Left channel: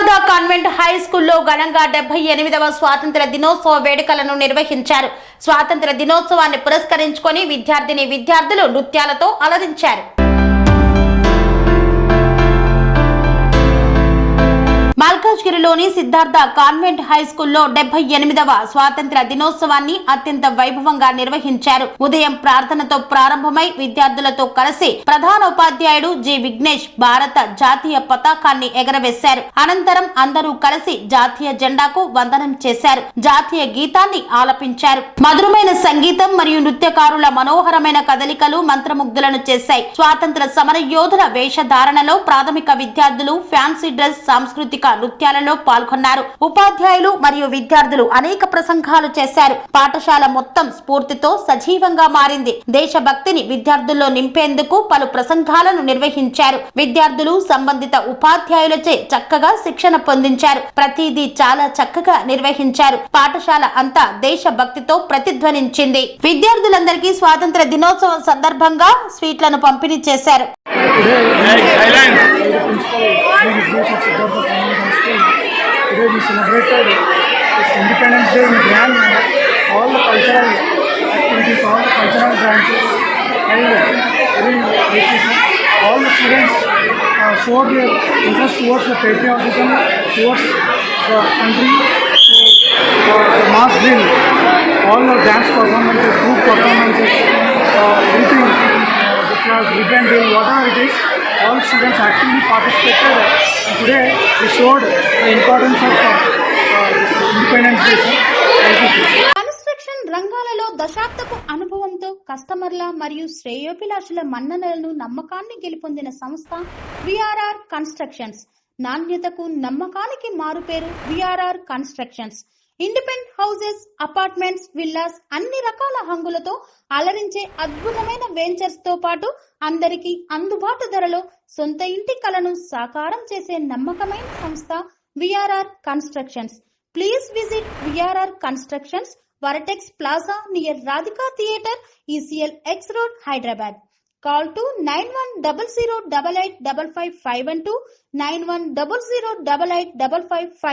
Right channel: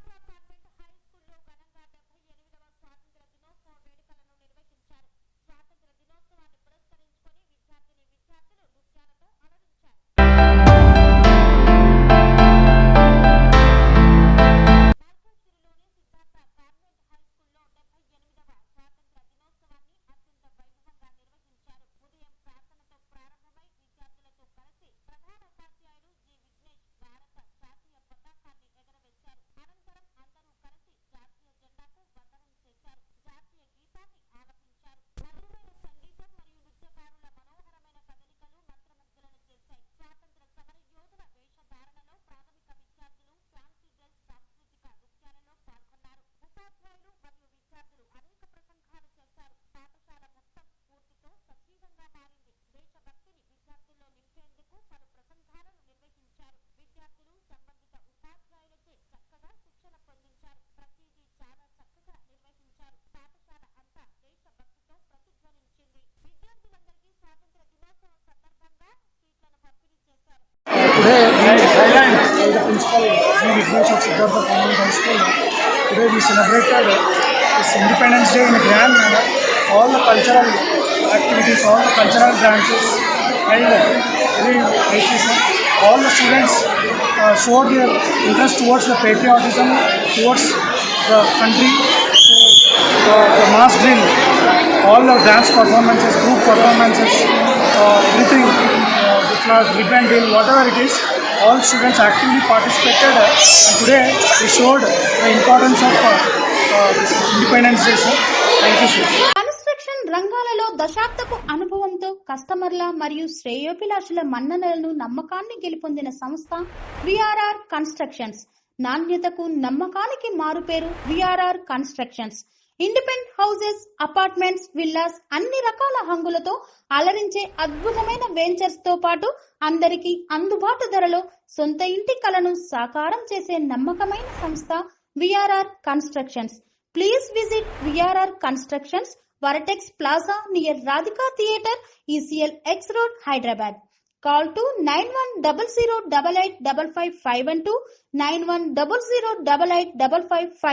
Siddhartha convent high స్కూల్లో ఘనంగా 78వ స్వాతంత్ర దినోత్సవ వేడుకలను నిర్వహించారు. స్వాతంత్ర దినోత్సవాన్ని పురస్కరించుకొని విద్యార్థులు నృత్యాలతో అలరించారు. మల్కాజ్గిరిలోని సిద్ధార్థ కాన్వెంట్ హై స్కూల్లో 78వ స్వాతంత్ర దినోత్సవాన్ని అత్యంత వైభవంగా నిర్వహించారు. ఉదయం ప్రార్థనతో ప్రారంభమై విద్యార్థులతో కలిసి ప్రధాన ఉపాధ్యాయుడు జి విఘ్నేష్ భారత జాతీయ పతాకాన్ని ఎగరవేశారు. అనంతరం అందరూ కలిసి జాతీయ జెండాకు వందనం చేశారు. జాతీయ గీతాన్ని ఆలపించారు. మధురమైన సంగీతం మరియు నృత్యకారుల మనోహరమైన కదలికలు మంత్రముగ్ధులను చేశాయి. స్వాతంత్ర సమర యోధుల వేషధారణలో ప్రాథమిక విద్యార్థులు ఫ్యాన్సీ డ్రెస్ సాంస్కృతిక నృత్యాలలో పాల్గొన్నారు. ఉపాధ్యాయులు మరియు విద్యార్థులు అనేక ప్రసంగాలు చేశారు. పాఠశాల మొత్తం స్ఫూర్తితో సజీవంగా మారింది. దేశభక్తిని విద్యార్థుల్లో నింపేందుకు పలు ప్రసంగాలను నిర్వహించారు. విద్యార్థులు సంబంధిత ఉపాధ్యాయులచే చక్కగా శిక్షణ పొందించారు. ప్రతిదీ చాలా చక్కగా నిర్వహించారు. పాఠశాల అంతా దేశభక్తితో ప్రతిధ్వనించింది. విద్యార్థులందరికీ స్వాతంత్ర దినోత్సవం సందర్భంగా స్వీట్లను పంపిణీ చేశారు. Today we celebrated this Independence Day in a grand manner. All the cultural activities, all the cultural branches, and all the students showed their interest towards the patriotism, towards the country. So, the mass drill, all the dance performances, group performances, everything, the flag, ribbon drill, whatever it is. All students actively participated. Today we showed the importance of this Independence Day. Thank you, sir. Construction రంగాలలో దశాబ్దపు అనుభవంతో కస్టమర్ల మరియు శ్రేయోభిలాషుల మన్ననలను నమ్మకాన్ని గెలుపొందిన సంస్థ VRR constructions. నాణ్యతకు నమ్మకానికి మారుపేరు VRR constructions. Independent houses, apartments, villas అన్ని రకాల హంగులతో అలరించే అద్భుతమైన వెంచర్స్ తో పాటు అందరికీ అందుబాటు ధరలో సొంత ఇంటి కలను సాకారం చేసే నమ్మకమైన సంస్థ VRR constructions. Please visit VRR constructions, వరటెక్స్ plaza near Radhika theatre, ECL X Road, Hyderabad. Call to 910088555512, 9100885555.